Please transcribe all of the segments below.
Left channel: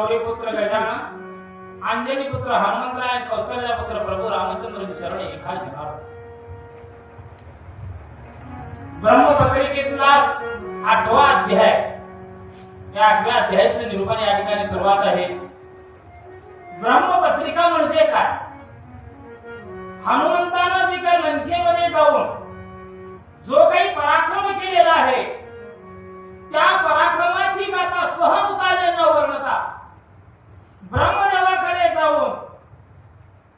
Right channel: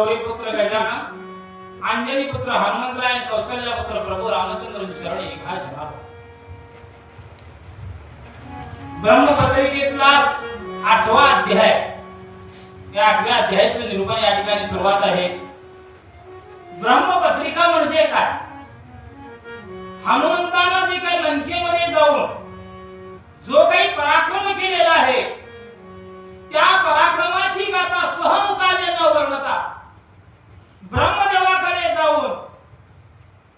गौरीपुत्र गजानन, अंजनी पुत्र हनुमंतराय, कौशल्या पुत्र प्रभू रामचंद्र शरण एका जीवा. ब्रह्मपत्रिकेतला 8वा अध्याय. या 8व्या अध्यायाचे निरूपण या ठिकाणी सुरुवात आहे. ब्रह्मपत्रिका म्हणजे काय? हनुमंतानं जे काही लंकेमध्ये जाऊन जो काही पराक्रम केलेला आहे त्या पराक्रमाची गाथा स्वहमुखाने न वर्णता ब्रह्मदेवाकडे जाऊन,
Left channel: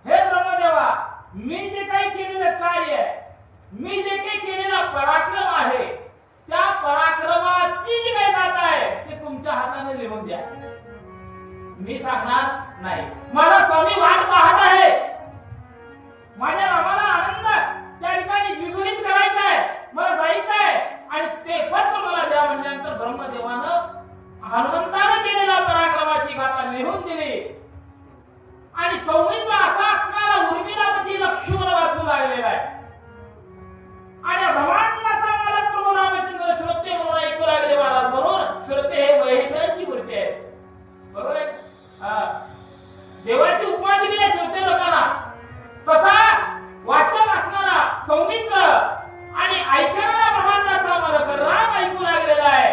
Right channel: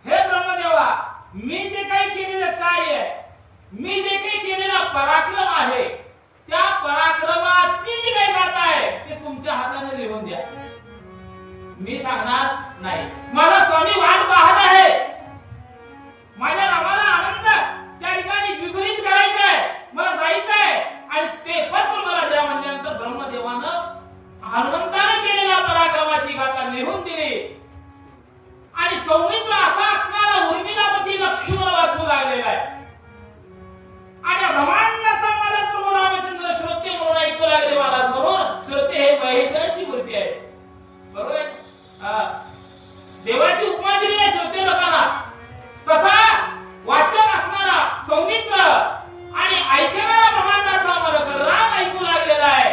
हे ब्रह्मदेवा, मी जे काही केलेलं कार्य आहे, मी जे काही केलेला पराक्रम आहे, त्या पराक्रमाची जी काही गाथा आहे ते तुमच्या हाताने लिहून द्या. मी सांगणार नाही. मला स्वामी वाट पाहत आहे. माझ्या रामाला आनंद त्या ठिकाणी विपरीत करायचा आहे, मला जायचं आहे आणि ते पत्र मला द्या म्हणल्यानंतर ब्रह्मदेवानं हनुमंताने केलेल्या पराक्रमाची गाथा लिहून दिली. आणि सौमित्र असा असणारा उर्मिलापती लक्ष्मण वाचू लागलेला आहे. आणि ब्रह्मांडाचा मालक प्रभू रामचंद्र श्रोते म्हणून ऐकू लागले महाराज. म्हणून श्रोते हे महेश्वराची मूर्ती आहे. बरोबर आहे? देवाची उपमा दिली आहे श्रोते लोकांना. तसा वाचक असणारा सौमित्र आणि ऐकणारा ब्रह्मांडाचा मालक राम ऐकू लागलेला आहे.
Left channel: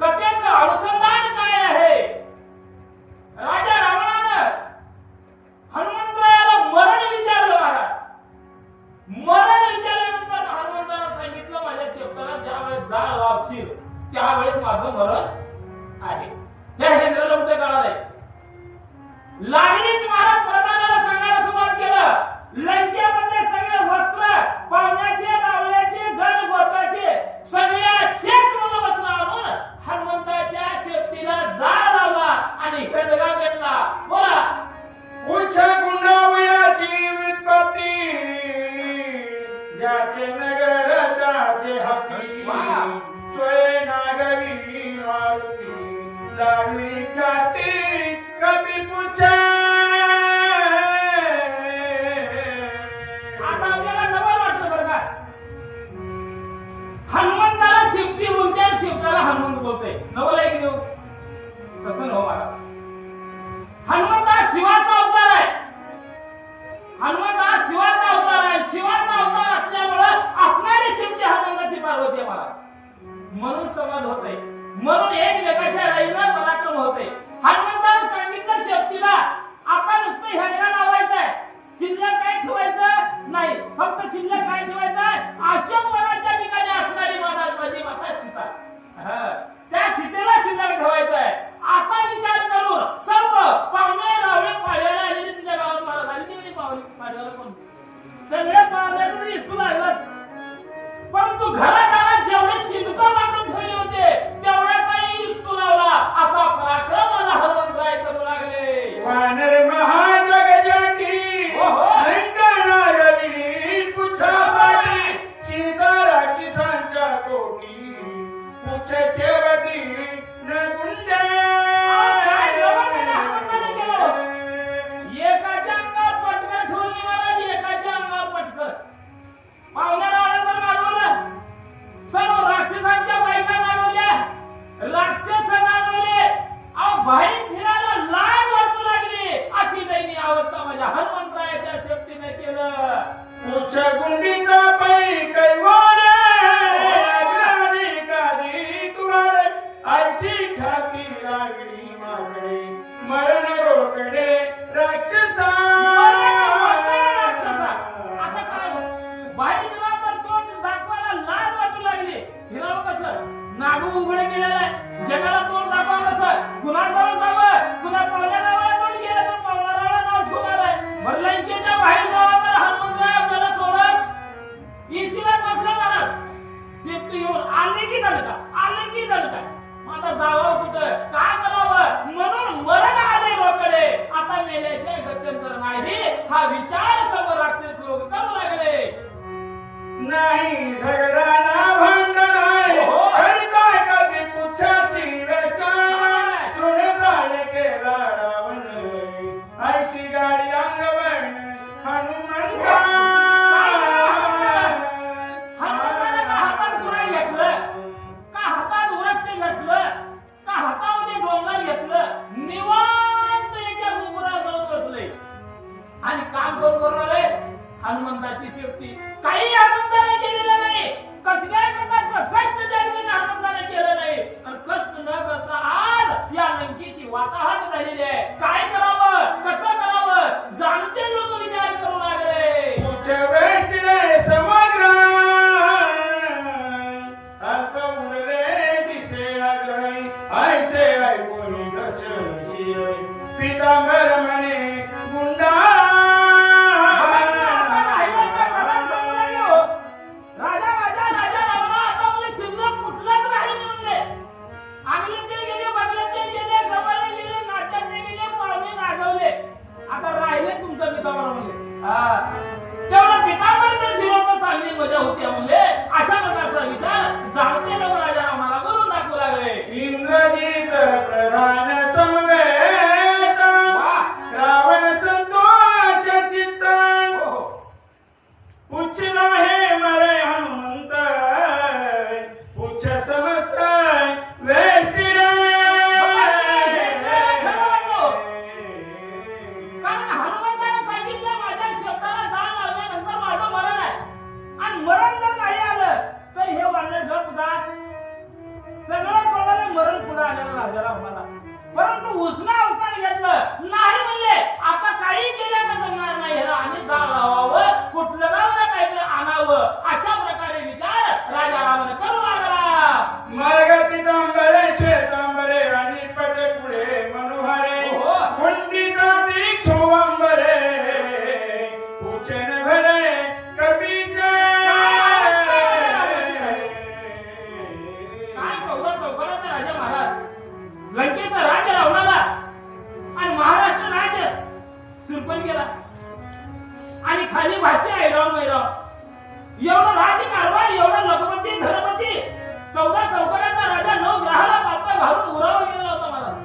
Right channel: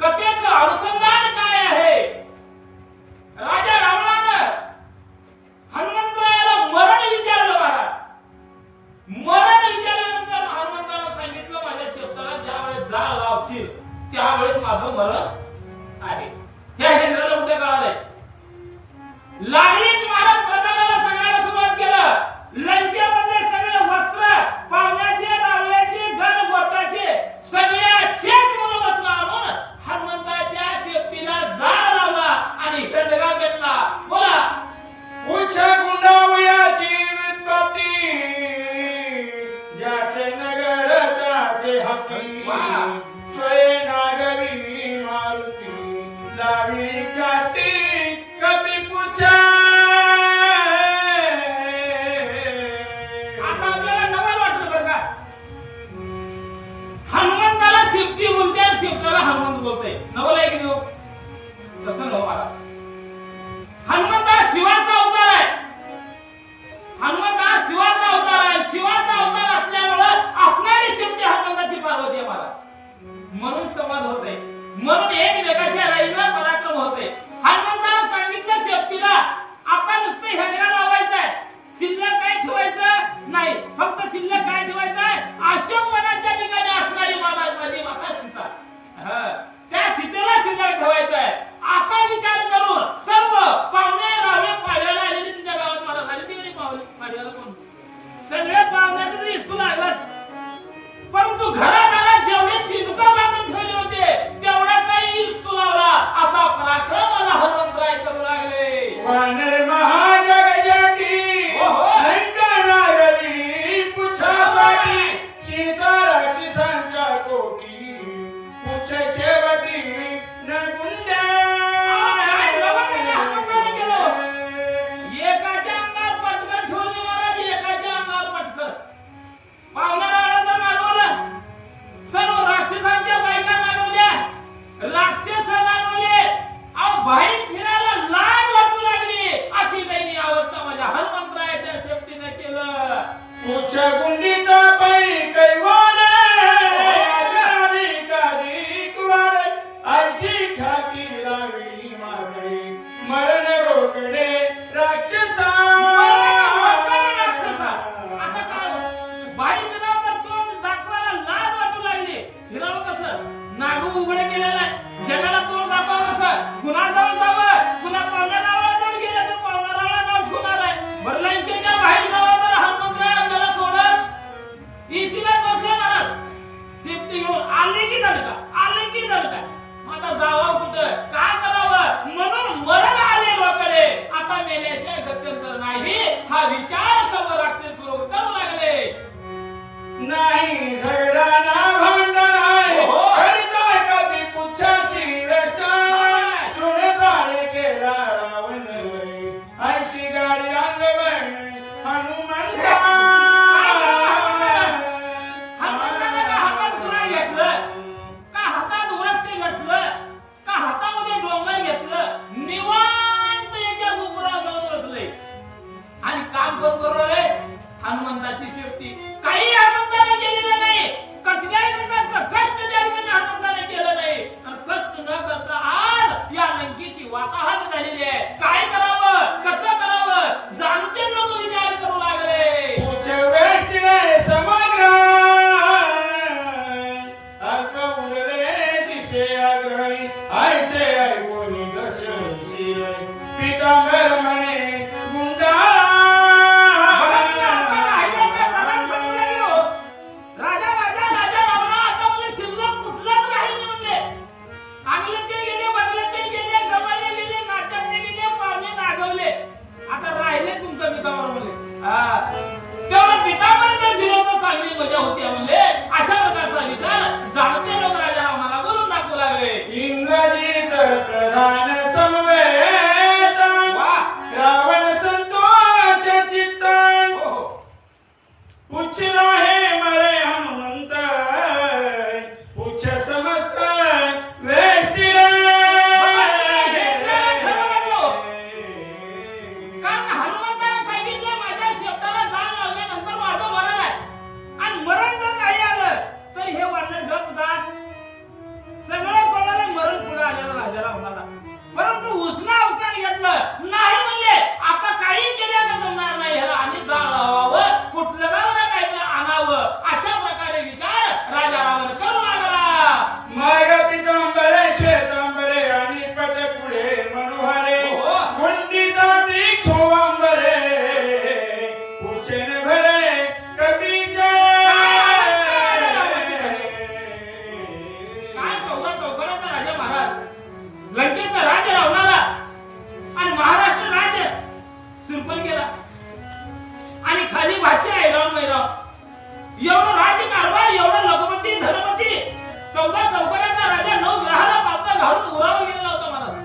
कथेचं अनुसंधान काय आहे? राजा रावणानं हनुमंतरायाला मरण विचारलं महाराज. मरण विचारल्यानंतर हनुमंतानं सांगितलं, माझ्या शेताला ज्या वेळेस जाळ लावशील त्यावेळेस माझं मरण आहे. हे इंद्राला उलटे कळालंय. लागलीच महाराज प्रधानाला सांगायला सुरुवात केलं. लंकेमधले सगळे वस्त्र, पावण्याचे, रावल्याचे, गण गोताचे सगळ्याचेच वस्त्र आणून हनुमंताच्या शेपटीला जाळ लावला आणि खंडगा पेटला. बोला. उच्च गुंडावयाची व्युत्पत्ती, ज्याचे नगर त्याचे हत्ती, स्वय नागवी मारुती, लागली छाती कधी पुछा. आता आपल्याला नवल वाटलं बरं का? हनुमंताला शेपटी बोलते आणि शेपटाला हनुमंत बोलते. नवल आहे की नाही? तसं नव मला. हनुमंत हा शिवाचा अवतार आहे. हनुमंत हा शिवाचा अवतार आहे. शिवाचा अवतार असल्यामुळे असणारी शेपटी हनुमंताची पार्वती आहे मला. म्हणून संवाद होते, म्हणून एकमेकाच्या राईला पराक्रम होते. हनुमंतानं सांगितलं शेपटीला, आता नुसतं हेडगा लावायचा आहे, शिल्लक काय ठेवायचं नाही. फक्त शिल्लक काय ठेवायचं आहे? अशोक वनाच्या ठिकाणी असणारी माझी माता सीता, त्या सीतेला शिल्लक ठेवायचं आहे. असा विचार करून सर्व पाहुणे रावळे पाडव्याला आलेले तुझ्या गावात मला झाली. ती पाडव्याला कोण? सगळे पाहुण्याचं तरी इस्तू लागलात. परंतु घरादारात जेवढे चिंतका बांधून ठेवले होते तेवढा काही इस्तू लावला. असा पराक्रम मला हनुमंतराय करू लागले. वानर महाजगजाटी लंकानागरी, पुच्छासाठी सीता राक्षसांच्या कोटी, पुच्छ शेवटी न गुंड्या. एकाच्या अंगावर पटकन ठेवली महाराज, एकाच्या अंगावर पटकन. पाहुणा रावळ्यांना नारवलं, सर्व राक्षसांच्या बायका नारवल्या, राक्षस नारवले. अहो बाहेर फिरायला लाज वाटू लागली. अशी दयनीय अवस्था माझ्या हनुमंतरायाच्या शेपटीने केलं. पुच्छ गुंडीचा पै कैवारे, आजारी कादी कुवारे, आयची ख्याती लागली माझी, मरण रोकडे राक्षसा. आता काय बाहेर फिरावं तर तोंड दाखवायला लाज वाटू लागली. फिरावं कसं? नागू उघडे केलेलं आहे. जगाला तोंड दाखवावं कसं? कुणा जाऊन जावं? कुणा पावल्या नावाला जाऊन गेलं तर पावल्या नावाला नाव ठेवणार आहे. बरं लंकेच्या बाहेर जावं तर हनुमंतराय आपल्याला सोडत इशिलाच बसले महाराज. शेपटी घेऊन आले की झालं का? आले की झालं का? मग आता जावं कुठं? काय करावं? म्हणून मरण आले रोकडे. आता मेल्याशिवाय गत्यंतर नाही हा विचार सर्व राक्षस लोक करू लागले. नाही झगडा ना भांडण आहे, करीता कधी पुच्छाची वेष्ट, तुने बाळ केला रावण, ऐशी गाडी अंगवण हनुमंता. हनुमंताने का हातात गुराळ घेतलं? का हातात वृक्ष घेतलं? का हातामध्ये डोंगर घेतलं? निवांत हनुमंताची शेपटी काही हनुमंताने केलेलं नाही. कसल्याही प्रकारचं कष्ट त्या ठिकाणी हनुमंताने केलं नाही. आणि कष्ट न करता आज या लंकेची वाताहत झालेली आहे. काय करावं, कसं करावं, जाणते लोक विचार करू लागले. उच्च वेष्टीने समग्र अल्प उरले दिसे आग्रही आयसे ऐकून दर्शनशी पीतांबर म्हणे गुंडा. राजा राजा राजा रावणा आता मला शिल्लक कुठलाच राहिले म्हणले. आंगलेचे गेले, बदलाचे गेले, जमाने गेले, नाट्यातले गेले, पाहुणे नागवले. आता राहिले तुमचं पितांबर म्हणले. तेवढं पितांबर जर दिलं तर चांगली मजा होती म्हणले. अशा प्रकारचा विचार जाणते लोक राजा रावणाला करून दाखवू लागले. इंद्रजित प्रधान समवेत रावण संतोष चित्त उच्च आहे मरे हनुमंत उच्च समस्त वेष्टीरे. कारण हनुमंताने सांगितलं माझ्या शब्दाला जाळ लावल्यानंतर माझं मरण आहे. आणि मरण जर नाही आलं तर हे वानर गप जात. सगळं कोणाला मरण पुढे आलेलं राजा रावणाला. परंतु उसना अवसान घेतलं नाही म्हणले. आता काही केल्यानं जमणार नाही, ह्याला आणि जाळ लावावं, कुठलं गावाला काहीतरी आणावं. अशा प्रकारे विचार राजा रावण करू लागला. मार्ग पितांबरे श्वेतांबरे आणि पटकुळे मनोहारे कुंडिता दीक्षोवांबरे उचेन भरे कबीचे. काय 14 चौकडाचा राजा महाराज, लंकेचा राजा रावणाला आणि महाराष्ट्र राज्य सुरपण केला. आणि खाली भाचे ऐराव मैराव एवढं राज्य कारभार, एवढं लखपती धनपती, 14 चौकडाचा राजा 9 ग्रहाला पालता घालून उरावर गेला होता महाराज.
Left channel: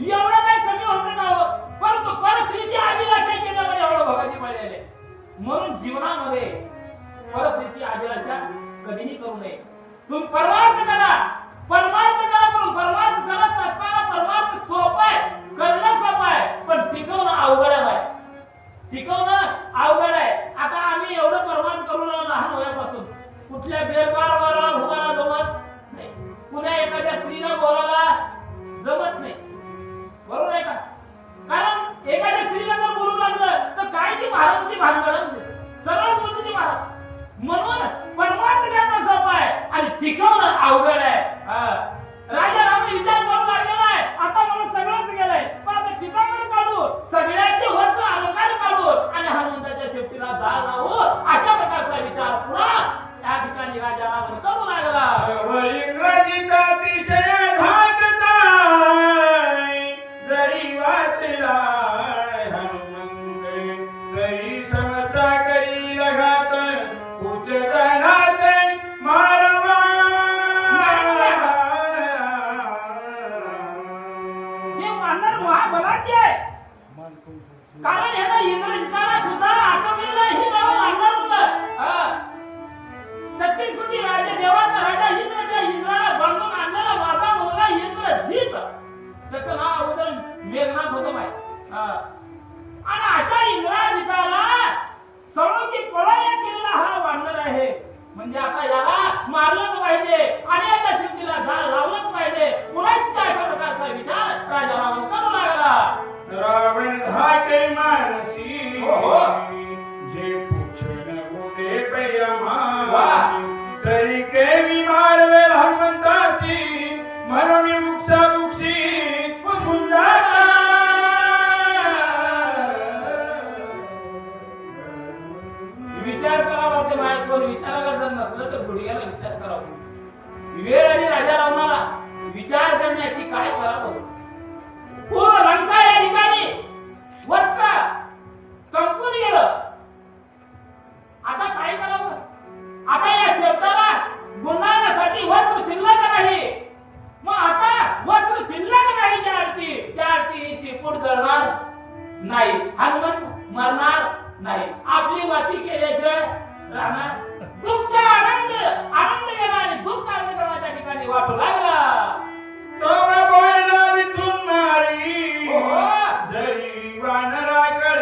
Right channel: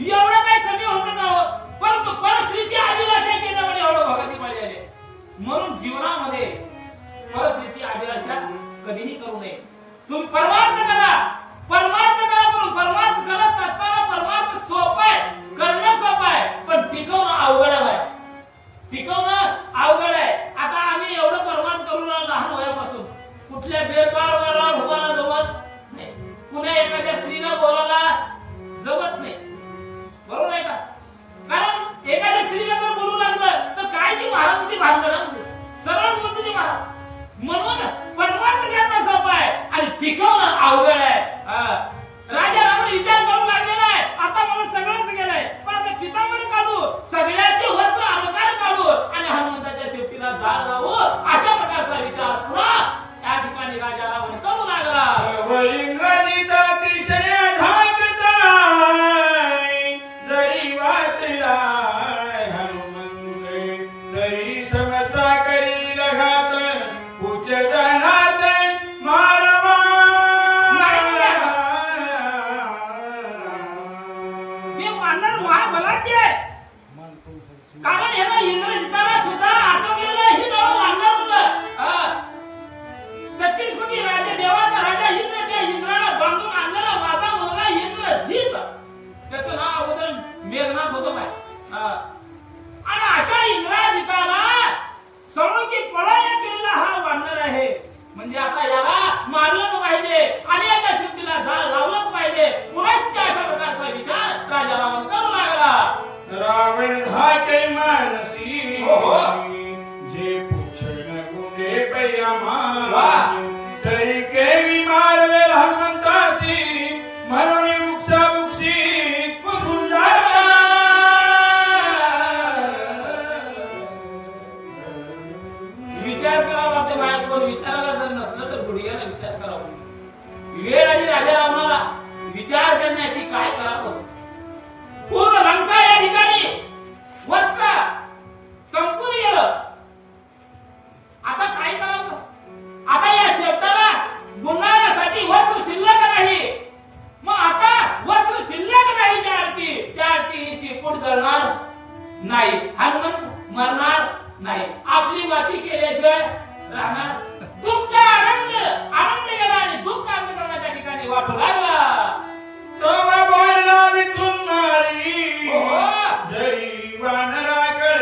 एवढं काही कमी होतं का हो? परंतु परस्त्रीची अभिलाषा केल्यामुळे एवढं भगाती पाळी आले. म्हणून जीवनामध्ये परस्त्रीची अभिलाषा कधीही करू नये. तुम्ही परमार्थ करा, परमार्थ करा. पण परमार्थ करत असताना परमार्थ सोपा आहे, करणं सोपं आहे, पण टिकवणं अवघड आहे. टिकवणं अवघड आहे. आता आम्ही एवढं परमार्थ करून लहान वयापासून कुठल्या बेरबार उभाला जमत नाही, पुन्हा एखाद्या स्त्रीला बोलायला जमत नाही. बरोबर आहे का? कारण एखाद्या स्त्रीला जर बोलू लागलं तर काय ती महाराजांची भानगड म्हणजे सरळ बोलते ती महाराज. म्हणून परमार्थ करणं सोपं आहे आणि टिकवणं अवघड आहे. राजा रावण विचार करू लागलेला आहे. आता मला सगळंच गेलंय, पण आता पितांबर काढू, सगळ्याचे वस्त्र अलंकार काढू आणि हनुमंताच्या शेपटीला जाळ लावू. अशा प्रकारचा विचार पुन्हा त्या ठिकाणी राजा रावण करू लागला. इंग्रजीत अतिशय धाकताय जरी वाचलाय हनुमंत तरी समजता करी रघात उच्च जनार्दे मारवा. हे वानर महाबलाढ्य आहे. कारण ह्याला इंद्रजिताला सुद्धा आठवलेलं ही नाव वानर म्हणलं. 33 कोटी राजा, देवाचा राजा इंद्र, त्या इंद्राला बांधून आणलेला माझा मुलगा इंद्रजित, त्याचं नाव अगोदर मेघनाथ होतं माय. आणि अशा इंद्रजिताला सळोकी पळाया केलेला हा वानर आहे. म्हणजे आता याला मारलंच पाहिजे आणि याच्या शेपटीला जाळ लावलंच पाहिजे. पुन्हा अशा प्रकारचा विचार राजा रावण करू लागला. रावण धाटे मानसी जे पूछन गुणे पैमा तरी केवी मारवे हनुमंताची म्हणून मुक्सा मुक्षी सुंदर. विचार करावा. ते बाहेर कोण विचारायला जर नसलं तर गुडघ्याला विचार करावा. वेळ आली राजा रावणाला विचार करण्याची. काय करावं? पूर्ण लंका या ठिकाणी वस्त्र संपून गेलं. आता काय करावं? आता या शेपटाला गुंडाळण्यासाठी वस्त्र शिल्लक नाही. मग आता वस्त्र शिल्लक नाही. त्या आरती ही शेपूट जळणार नाही, हनुमंत मरणार नाही. आपली माती केल्याशिवाय राहणार. दुःख आनंद गेला आणि दुःख आनंद करण्याच्या ठिकाणी वाटू लागला. तो बोलला तुम्हारी जरी वानराकडे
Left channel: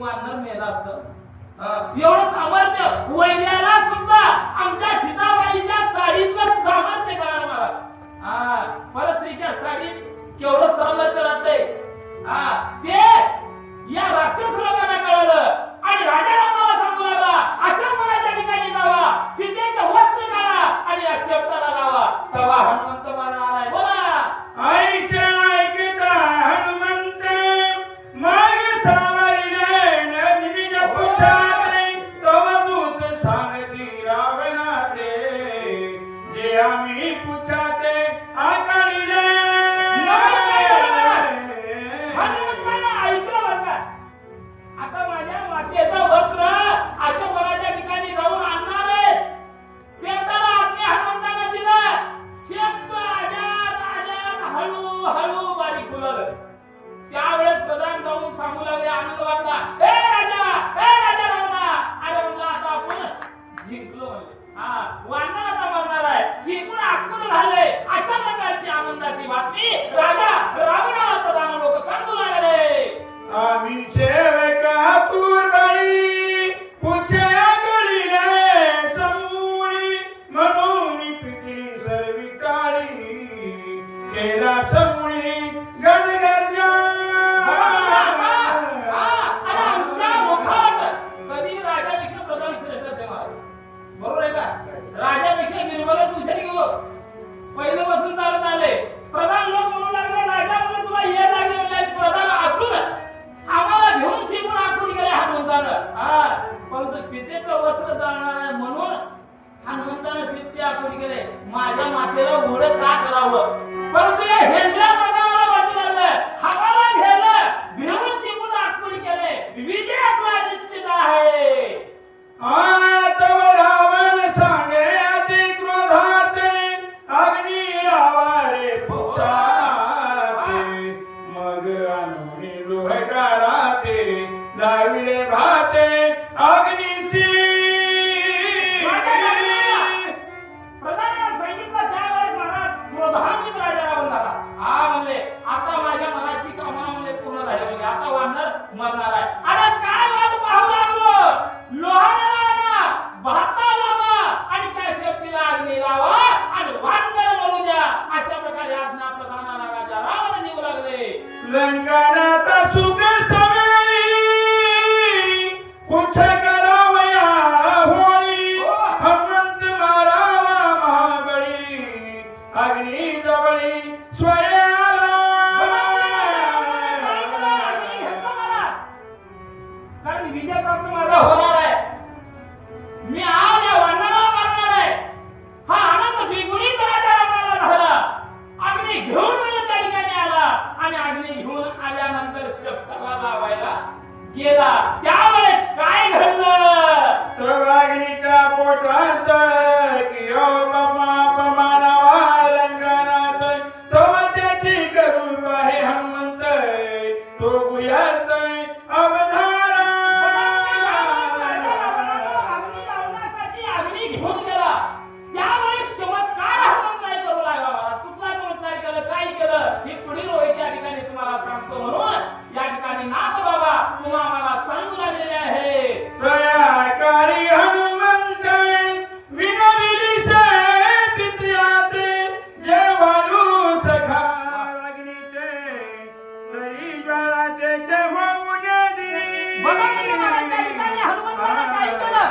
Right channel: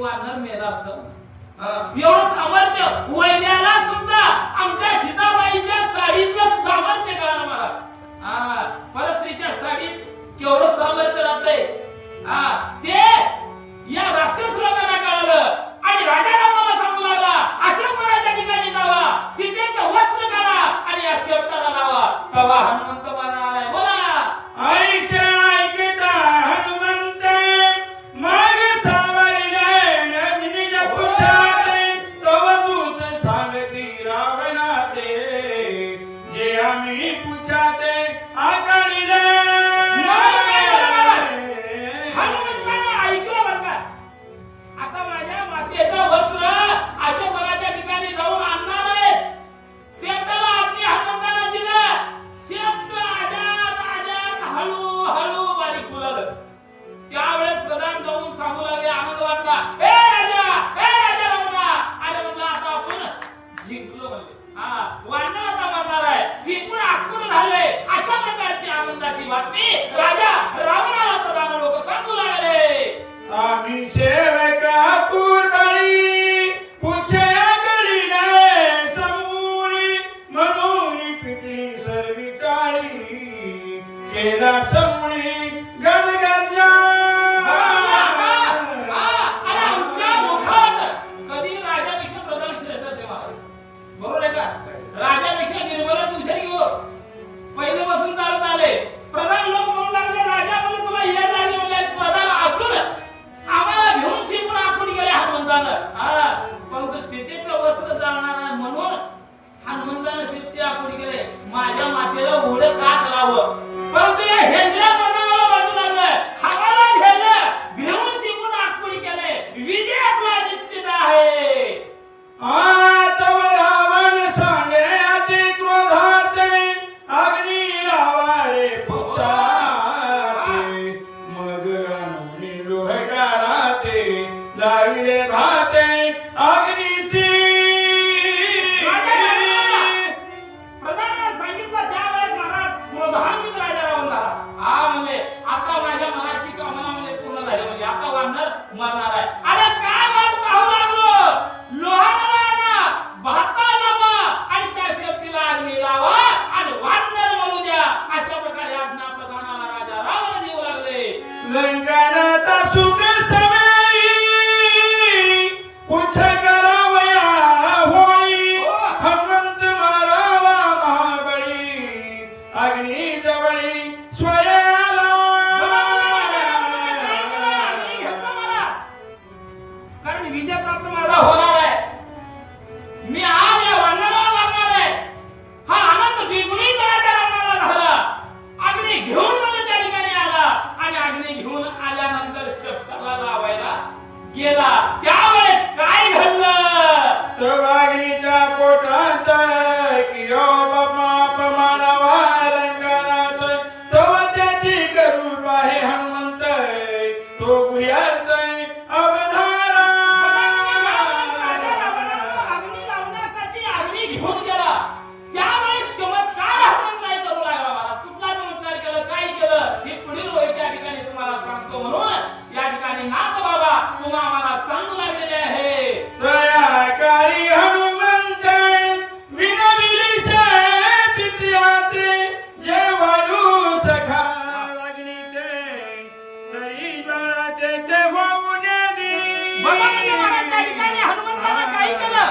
वानर मेला असतं. एवढं सामर्थ्य वैद्याला सुद्धा आमच्या सीताबाईच्या साडीचं सामर्थ्य कळालं मला. परस्त्रीच्या साडीत केवढं सामर्थ्य राहतंय ते या राक्षस लोकांना कळालं आणि राजारामाला सांगू लागला आश्रमपणाच्या ठिकाणी जावा, सीतेचे वस्त्र काढा आणि या शेपटाला लावा, तवा हनुमंत मारणार आहे. बोला आईचे ऐकता हनुमंत मग सावरले नंदिनीच्या पुच्छाते तव दूत सांगती रावणाते जे आम्ही पुच्छाते आकडिले. हनुमंतानं ऐकलं बरं का. आता माझ्या मातेचं वस्त्र आश्रमपणाच्या ठिकाणी जाऊन आणणार आहे. शेपटाला आज्ञा हनुमंतानं दिलं. शेपट आजात हळू बारीक फुललं. त्यावेळेस प्रधान जाऊन सांगू लागले, आनंद वाटला, ए राजा रामा. अरे म्हणलं आता आपण जिंकलो म्हणले. वानर आता मरणार आहे, जिंकून आटकून झाले. अशा प्रकारची आनंदाची बातमी राजा रावणाला प्रधान लोक सांगू लागले. आम्ही सेवका पूर्वी पुछे करीने समूळी म्हणून पिटली सर्वी काळी केला समूळी गडगर्जा. आणि आमच्या मुखात कधी राजापेक्षा प्रधान श्रेष्ठ ते महाराज. बरोबर आहे का. राजापेक्षा निर्मलच हुशारी घेऊ. पहिलं बसून चालत आले. प्रधान लोक म्हणू लागले, राजा म्हणून तुला ये लागले म्हणले. प्रधान असून आम्हाला घेऊन शिकून आखून गेले हनुमंतानं. परंतु सीतेचं वस्त्र जाळणार आहे म्हणून हनुमंतानं सीते आखून गेले. माझ्या मातेला उघडं का करावं. परंतु या हेंद्रा प्रधानाला वाटू लागलं, हवाला घेतलं, घेऊन शिकून आखून गेले. विजय आपला निश्चित आहे. तव रावण सांगे अति क्रोधाते अग्नी लावारे पुच्छाते मग अनुनी लोहकाराते लाविले भाते अग्निसी. प्रधानानं सांगितलं त्यावेळेस महाराज क्रोधान्वित राजा राहून झाला. म्हणले आता माझ्या मनाची कामना म्हणजे पूर्ण झाली. म्हणजे आता वानर मरणार आहे. अरे काय वाट पाहू लागलो. लोहाराला भाता लावा आणि त्या शेपटीला अग्नी लावा आणि वानर मरू द्या. अशा प्रकारे आज्ञा प्रधानाला राजा रावण देऊ लागले. लंकानाता सुख समेई पुछ करावया होळी हनुमंत मारावा महाबळी अग्नी जवळी स्वयाला. कारण विजय प्राप्त माझा होणार आहे. मी आज या वानराला मारणार आहे. हा आनंद द्विगुणित राजा रावणाला झाला. अग्नी घेऊन म्हणजे त्या ठिकाणी आला आणि अग्नी घेऊन आल्यानंतर शेपटाला लावायला गेला. त्यावेळेस काय घडलं. अग्नीच्या पोटात कियो अपमानावा रंगानात तव त्याची करू आहे हनुमंत तो गुयात अवधारा. अग्नी लावण्यासाठी अग्नी घेऊन गेला. त्यावेळेस चमत्कार हनुमंतराय करू लागला. कुठला चमत्कार केलं, काय केलं हे पुढील वेळच्या ठिकाणी तुम्हाला सांगतो. म्हणून या ठिकाणी नाथ बाबा तुम्हा आम्हाला सांगू लागलेले आहे. तया काळी हनुमंत विनविली पित्याते जे वायू सखा अग्नीते तरी ज्वाळाते ते होऊन दी. बघा म्हणजे महाराज त्या ठिकाणी हनुमंतानं काय केलं.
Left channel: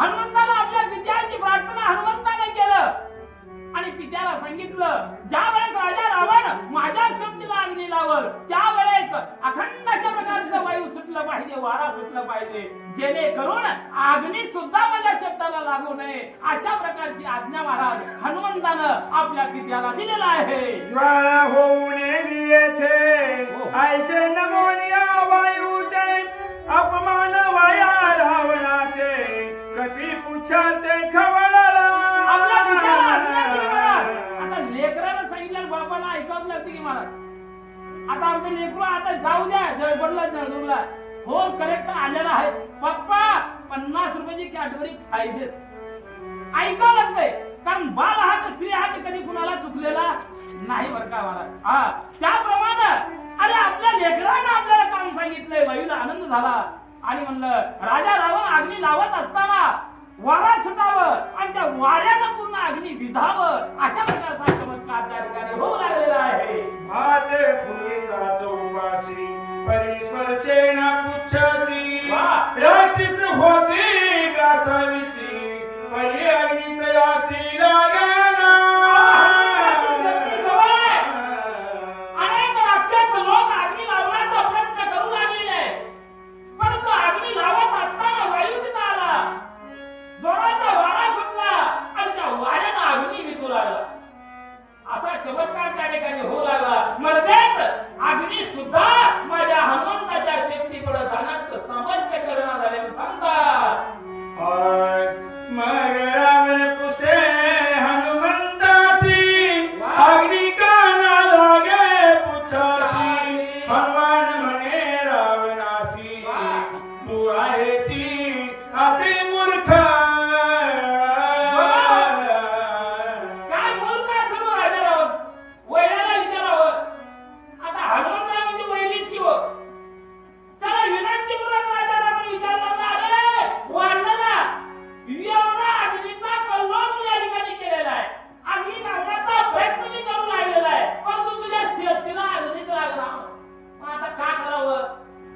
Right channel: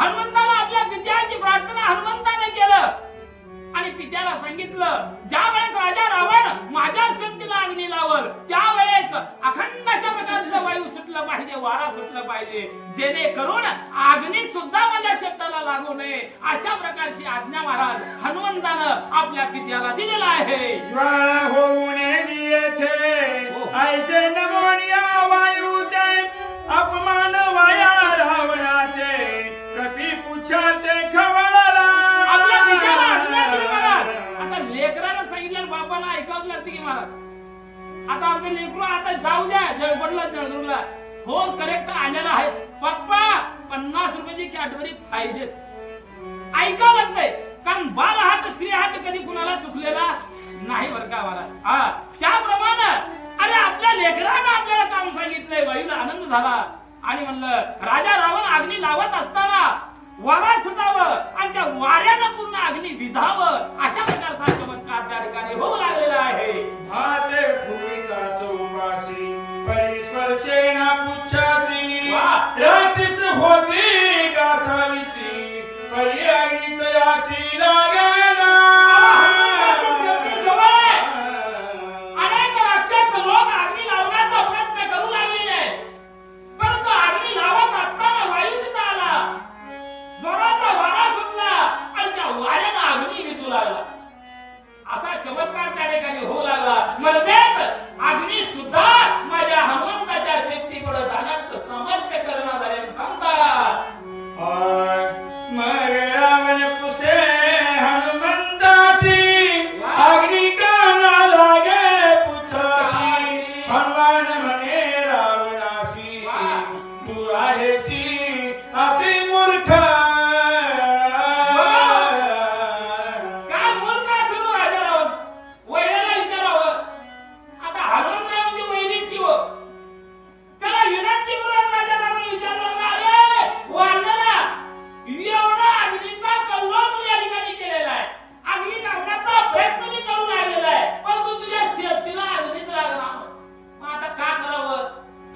हनुमंतानं आपल्या पित्याची प्रार्थना हनुमंताने केलं आणि पित्याला सांगितलं ज्या वेळेस राजा रावण माझ्या शेपटीला अग्नी लावल त्यावेळेस अखंड अशा प्रकारचं वायू सुटलं पाहिजे, वारा सुटलं पाहिजे, जेणेकरून अग्नी सुद्धा माझ्या शेपटाला लागू नये. अशा प्रकारची आज्ञा महाराज हनुमंतानं आपल्या पित्याला दिलेला आहे. ज्वाळा होऊन येथे ऐसे नमोनिया वायू ते अपमान वाया रावणाते कधी पुच्छाते खवळला. आपल्या पित्याला आज्ञा दिली महाराज. आता लेकराला सांगितलं बापाला ऐकावं लागते की महाराज. आता आमचं लेकरू आता जाऊ द्या जळपडला जळदूरला फोन करेक्ट आलेला आहे. पप्पा 50 रुपयाची कॅडबरी पाहिजेत. ऐकावं लागतंय कारण बाल हात स्त्री हात कधी कुणाला चुकलेला नाही बरं का महाराज. त्याप्रमाणे अरे आपल्या लेकरानं आपल्याला काम सांगितलंय. वायूला आनंद झाला आणि म्हणलं राजा रावण अग्नी लावत असताना वारा सुटावं आणि त्या वाऱ्यानं पूर्ण अग्नी विझावं अशा प्रकारचा चमत्कार त्या ठिकाणी होऊ लागलेला आहे. भाते भूमिका चौपाशी परिस्पर्शेन पुच्छासी राक्षस होती गासाविसी पर्यायी तयासी लागेना. अनेक राक्षस लोक अग्नी लावण्याचा प्रयत्न करू लागलेले आहे, परंतु अग्नी लावत असताना वायू तिथं आला, जोराचा वारा सुटला आणि त्या वाऱ्यानं अग्नी विझू लागला. असा चमत्कार त्या ठिकाणी होऊ लागला. म्हणजेच अग्नी सुद्धा माझ्या हनुमंताच्या शेपटीकडे जाण्याचं सामर्थ्य करणार झाले सांगतात. मग रावण पुसे हनुमंतासी अग्नि काना लागे पुच्छासी. हनुमान म्हणे रावणासी तू आहेसी अति मूर्ख. काय मूर्ख असलो राजा रावण? वैराला विचारावं. आता हनुमंतराय म्हणजे वैरीच की हो. त्याला विनंतीपूर्वक राजा रावण विचारला, अरे वानरा, एवढा अग्नीचा कल्लोळ तू या ठिकाणी केलेला आहे, अग्नी लावण्याचा प्रयत्न मी करू लागलेला आहे, परंतु तुझ्या शेपटीला अग्नीच लागला. मग आता का करावं?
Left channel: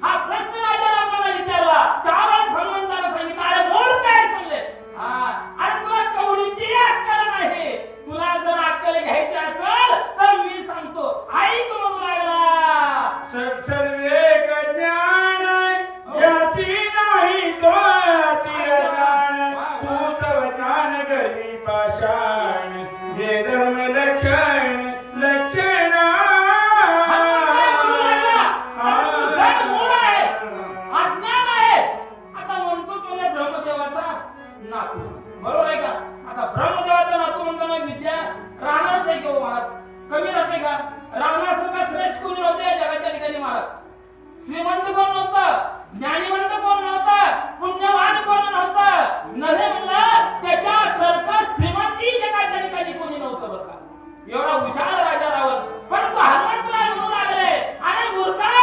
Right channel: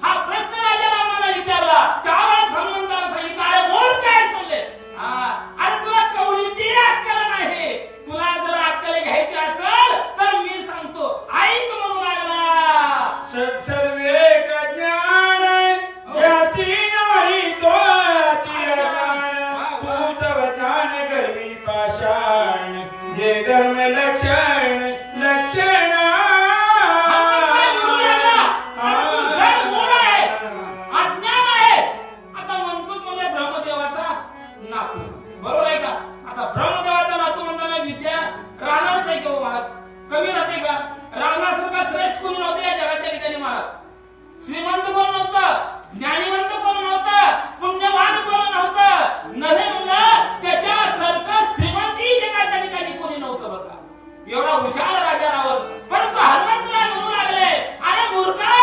हा प्रश्न राजा रावणाला विचारला. त्यावेळेस हनुमंताला सांगितलं, अरे मूर्ख आहेस म्हणले. अरे तुला कवडीची अक्कल नाही. तुला जर अक्कल घ्यायची असेल तर मी सांगतो, ऐक म्हणू लागला. सत्सर्वेक ज्ञान ज्यासी नाही तो अतिज्ञान. भूतव ज्ञान गरी पाषाण जे धर्म लक्षण लक्षण. हनुमंतराय म्हणू लागला, अरे तू जड मूढ आहे, अज्ञान आहे. आता म्हणतोच म्हणजे ब्रह्मदेवाचा नातू, बरोबर आहे का? आता ब्रह्मदेवाचा नातू म्हणताना विद्या राहणारच आहे किंवा महाराज? कमी राहते का? रावणासारखा श्रेष्ठ कोणी नव्हते या जगाच्या ठिकाणी महाराज. श्रीमंत कोण नव्हतं, ज्ञानीवंत कोण नव्हतं, पुण्यवान कोण नव्हतं. नव्हे म्हणलं त्याच्यासारखं श्रीमंती जगाच्या ठिकाणी कोणी नव्हतं बघा. एवढा हुशार राजा रावण. परंतु हनुमंतराय म्हणू लागले, अरे मूर्खा,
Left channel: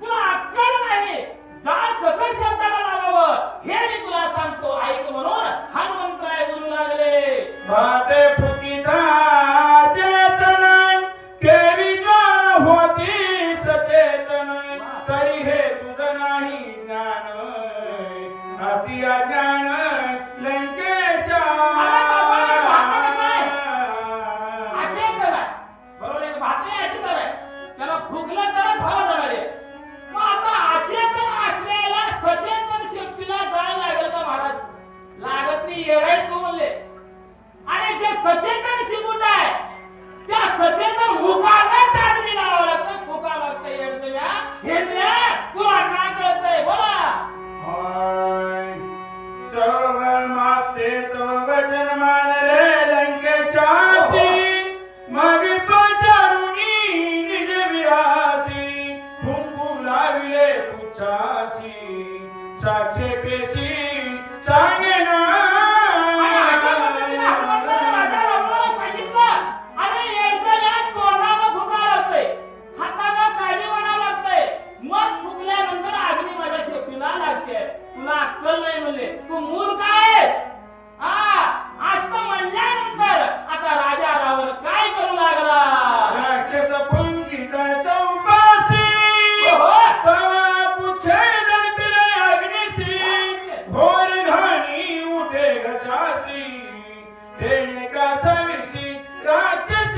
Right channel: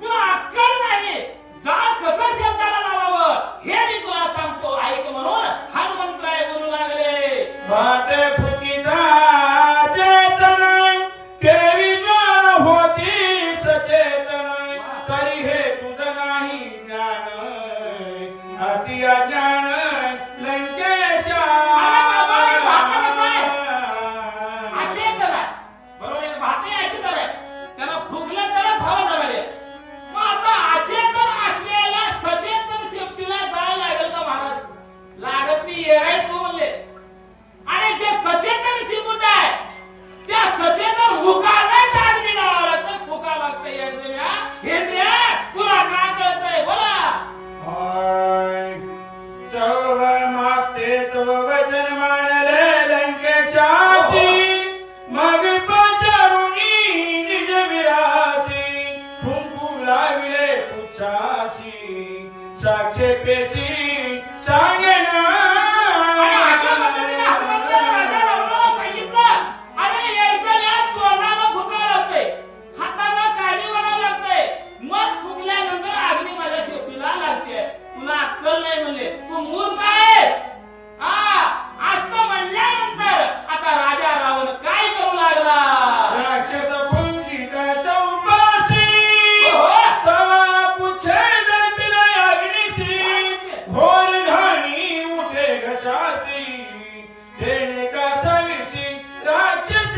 तुला अक्कल नाही. जाळ कसं शब्दाला लावावं हे मी तुला सांगतो, ऐक म्हणून हनुमंतराय म्हणू लागले. भाते फुकिता चेतन केविना होती सचेतन. तरी हे तुझं नाही ज्ञान अति अज्ञान लंकेशा. अरे बाबा, हे भातं कसं आहे? अचेतन आहे, बरोबर आहे? भाते अचेतन आहे, त्याला फुकलं तरच हवा जावे. मग आता अचेतन असलेल्या सचेतन शेपटीला जाळ लागेल का महाराज? लागत नाही. येरायच तू म्हणले. आणि जे सचेतन शिमुट आहे त्या सचेतन मुखालाच अग्नी लावावं लागतं. फुका लागतं येडदेव्या. हे द्या, तुला काय कळतंय बोला. तव माते तव वचन मानले लंकेशासी. मग पाचारुणी निज विरासी. फुंकू लाविले पुच्छासी साक्षेपेशी सांगेना. आणि अशा पद्धतीने हनुमंताने राजा रावणाला सांगितलं, अरे येडदेव्या, तोंडाला फुका लागतंय, हाताला काडी वडावं लागतंय, मग फुकल्यानंतर अग्नी माझ्या शेपटीला लागते. तुला अक्कल नाही म्हणले, तू मूर्ख आहेस. असं म्हणल्यानंतर आता राजा रावण काय करू लागला? राक्षस पुंगिता चौपासी. तवा पुच्छे दर्पिले अग्निसी. घोर घाणी उठे घशासी. तेणे का सविसी राक्षस.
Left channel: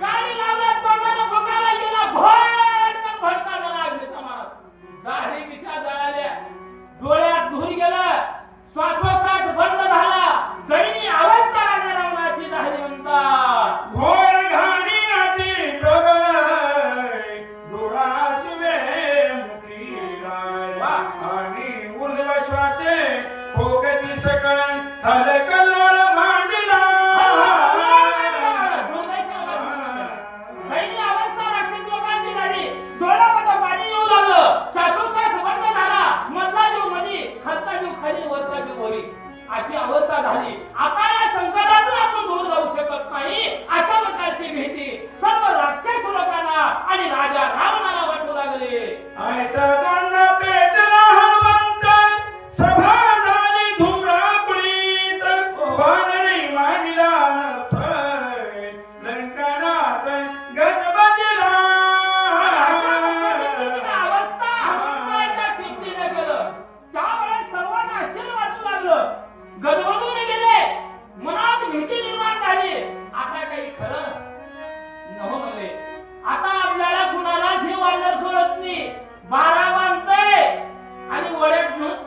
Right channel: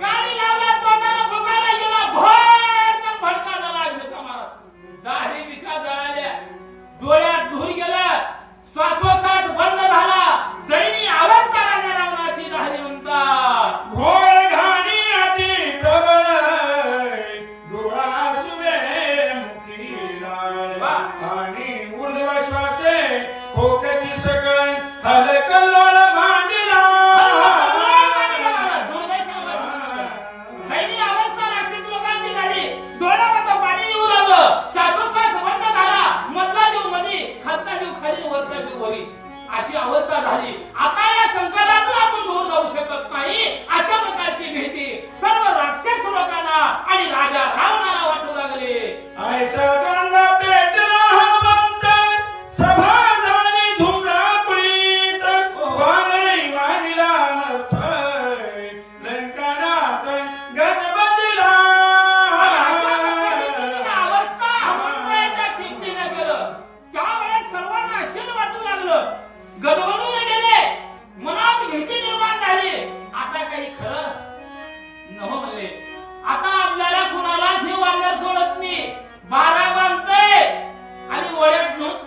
गाडी लावला, तोंडाला फुकायला गेला, भडकन भडका झाला अग्नीचा महाराज. दाढी मिशा जळाल्या, डोळ्यात धूर गेला, श्वासोश्वास बंद झाला. दैनी अवस्था राजा रावणाची झाली म्हणतात. घोर घाणी अति प्रबळ डोळा सुमे मुखी लाळ. आणि उर्ध्व श्वासे खोकती सकळ हलकल्लोळ मांडला. दैनी अवस्था राक्षस लोकांची झाली. डोळ्यामध्ये पाणी येऊ लागलं, श्वासोश्वास बंद झाला. मधला जीव मध्ये, खालचा जीव खाली, वरचा जीव वरी, अशी अवस्था झाली. आता या संकटातून आपण दूर जाऊ शकत नाही. आता आपल्याला कुणालाच हे वानर सोडत नाही. बारा बांधतय आणि वड्यात नेऊन